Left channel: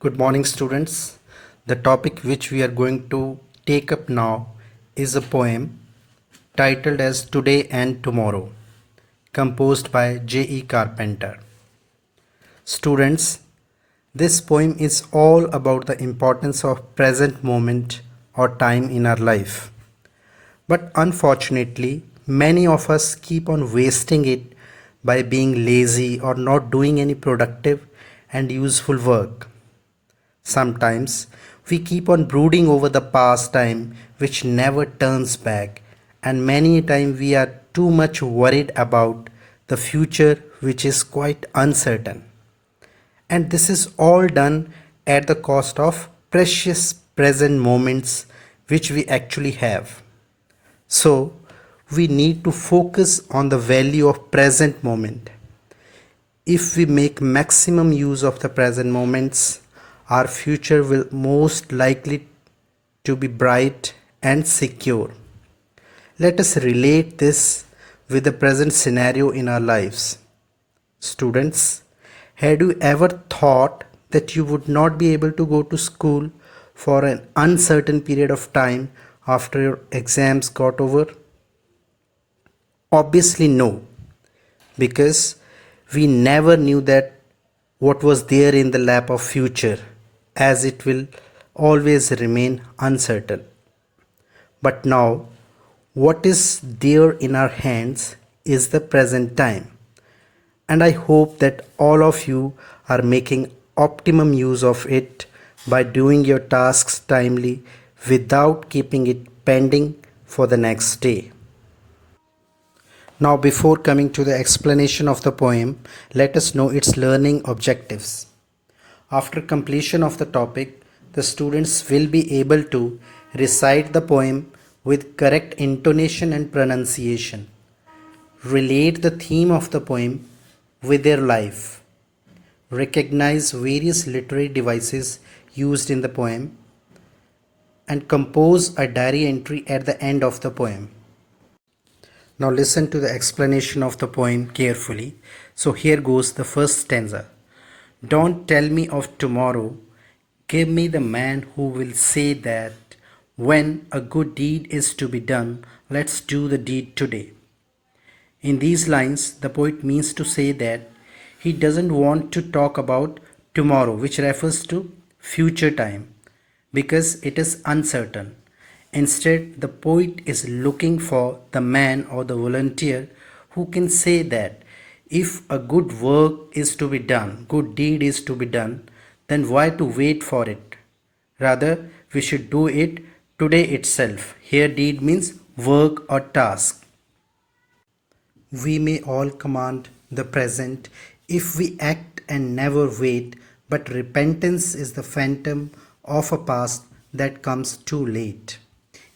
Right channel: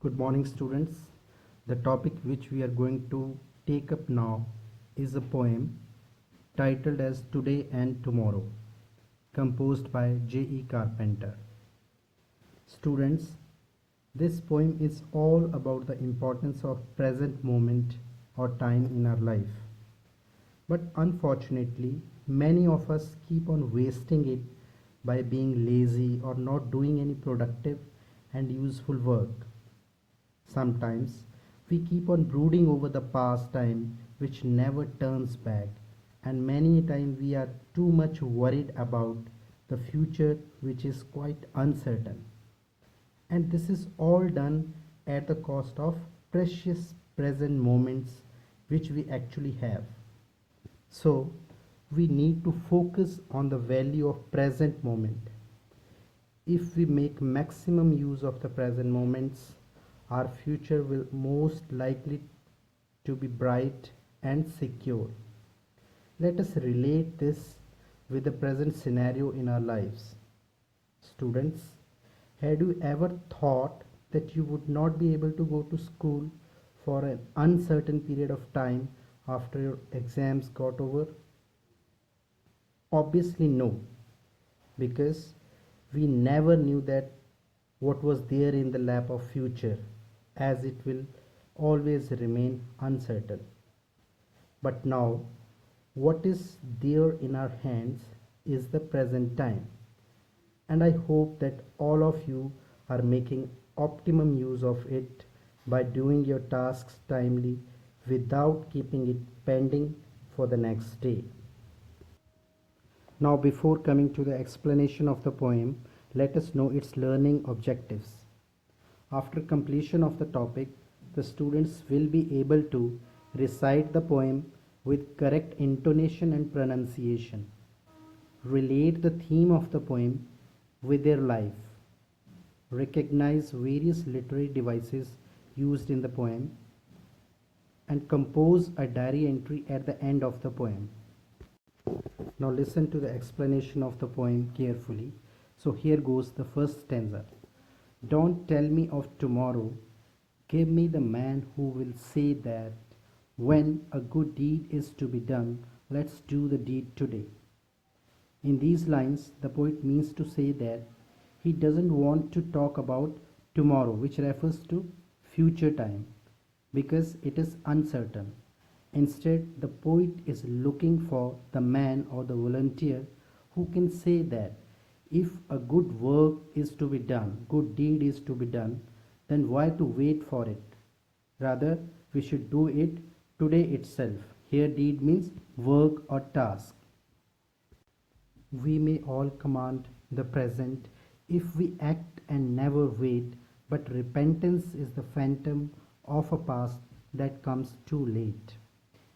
Good morning, students. The topic which we are going to take up now is a poem titled as Today and Tomorrow, composed by J.E. Carpenter. Students, this poem is all about the importance of present moment or time in our life. But unfortunately, many of us keep on wasting it by being lazy or not doing any productive and useful work. Sometimes we keep on brooding over the past time which never turns back, and many a time we are too much worried about the future which is quite uncertain. And this is all done at the cost of precious present moments which we actually have. So, we need to focus on the value of present moment. If we make maximum use of the present moments, our future will most likely to be bright and secure. Let us relate this with the present scenario in our lives. Students, had you ever thought that you would not be able to go to school for an uncertain period of time after your exams got over? Obviously, no, because we never knew that what was there in the lap of future, as it will always remain uncertain. But now, what is there in our hands is the present time, and I hope that all of you are making optimum use of it by doing your tasks timely without keeping it pending for the next day. Now, before coming to the explanation of the poem, let us know its learning objectives. After completion of the topic, the students will be able to recite the poem with correct intonation and pronunciation, relate the theme of the poem with their life, recognize various literary devices used in the poem, and compose a diary entry at the end of the poem. Now listen to the explanation of the poem carefully. So here goes the first stanza. Don't tell me of tomorrow. Give me the man who will say that when a good deed is to be done, let's do the deed today. In these lines, the poet means to say that he doesn't want to talk about tomorrow, which refers to future time, because it is uncertain. Instead, the poet is looking for the man or the volunteer who can say that if a good work is to be done, good deed is to be done, then why to wait for it? Rather, we should do it today itself. Here, deed means work or task. We may all command the present if we act and never wait, but repentance is the phantom of a past that comes too late.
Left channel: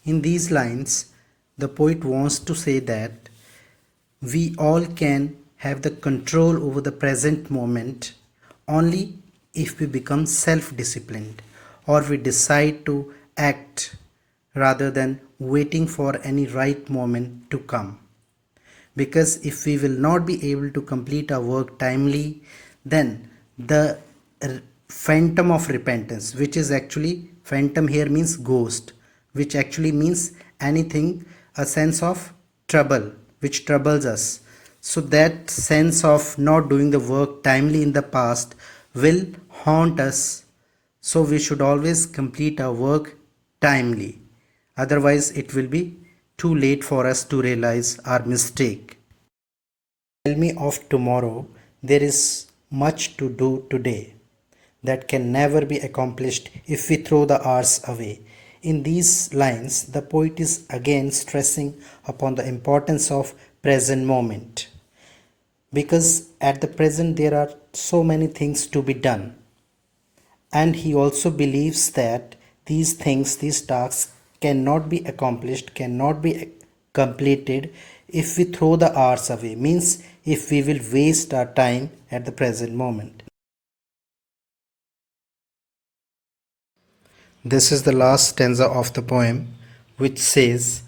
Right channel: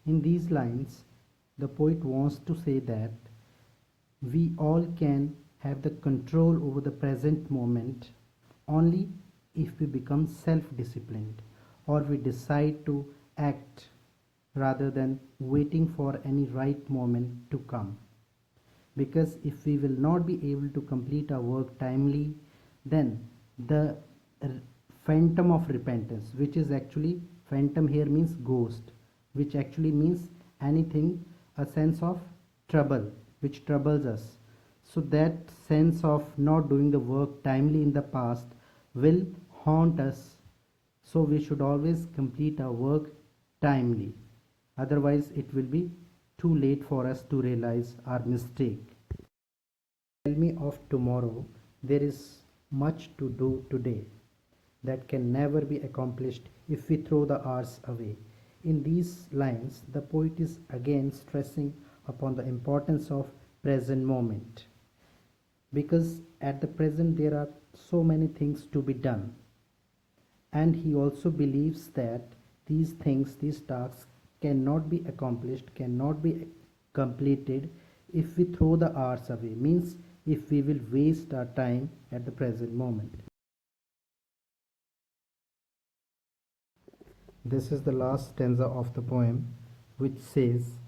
In these lines, the poet wants to say that we all can have the control over the present moment only if we become self disciplined or we decide to act rather than waiting for any right moment to come, because if we will not be able to complete our work timely, then the phantom of repentance, which is actually phantom here means ghost, which actually means anything, a sense of trouble which troubles us, so that sense of not doing the work timely in the past will haunt us. So we should always complete our work timely, otherwise it will be too late for us to realize our mistake. Tell me of tomorrow. There is much to do today that can never be accomplished if we throw the hours away. In these lines, the poet is again stressing upon the importance of present moment, because at the present there are so many things to be done, and he also believes that these things, these tasks cannot be accomplished, cannot be completed if we throw the hours away, means if we will waste our time at the present moment. This is the last stanza of the poem, which says,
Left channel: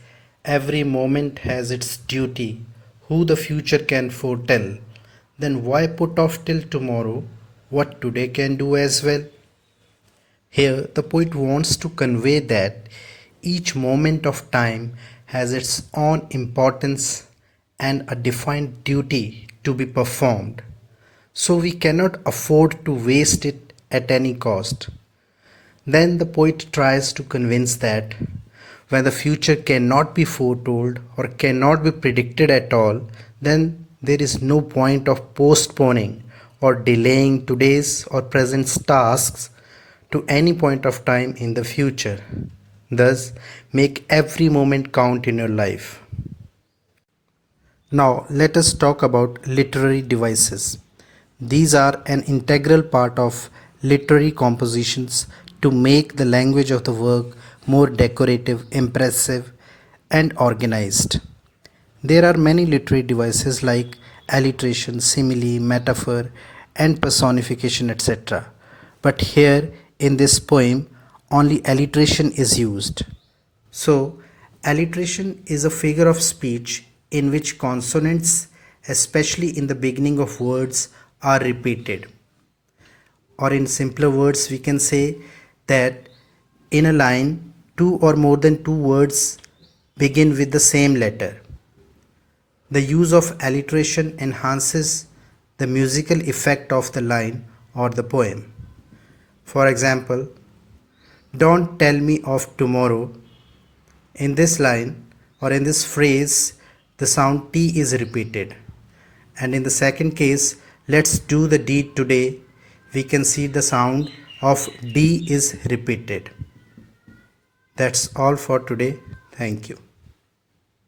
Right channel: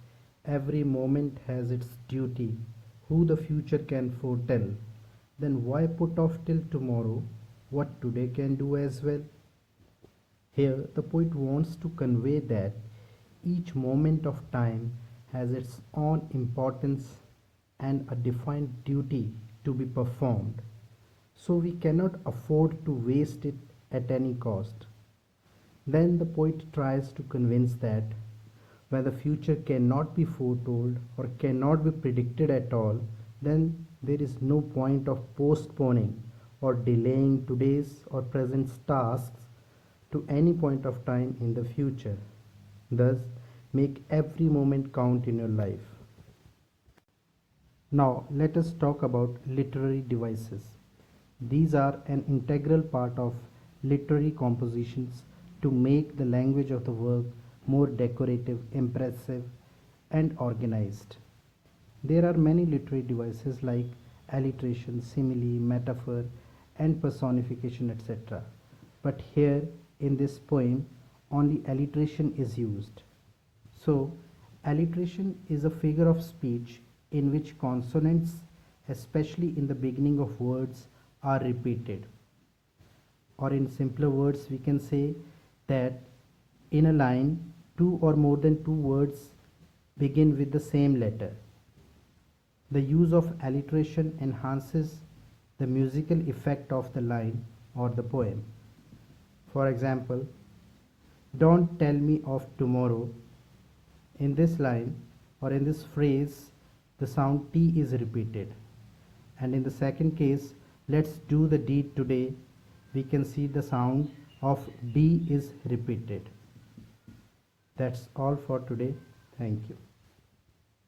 every moment has its duty. Who the future can foretell? Then why put off till tomorrow what today can do as well? Here, the poet wants to convey that each moment of time has its own importance and a defined duty to be performed, so we cannot afford to waste it at any cost. Then the poet tries to convince that when the future cannot be foretold or cannot be predicted at all, then there is no point of postponing or delaying today's or present tasks to any point of time in the future. Thus, make every moment count in your life. Now, let us talk about literary devices. These are an integral part of literary compositions to make the language of the work more decorative, impressive, and organized. There are many literary devices like alliteration, simile, metaphor, and personification, etc. But here in this poem, only alliteration is used. So, alliteration is a figure of speech in which consonants, especially in the beginning of words, are repeated. Or, in simpler words, we can say that in a line, two or more than two words begin with the same letter. The use of alliteration enhances the musical effect of the line or the poem. For example, don't tell me of tomorrow. In this line or in this phrase, the sound T is repeated. And in the second case, let's do the deed today, we can see the sound of D is repeated. That's all for today. Thank you.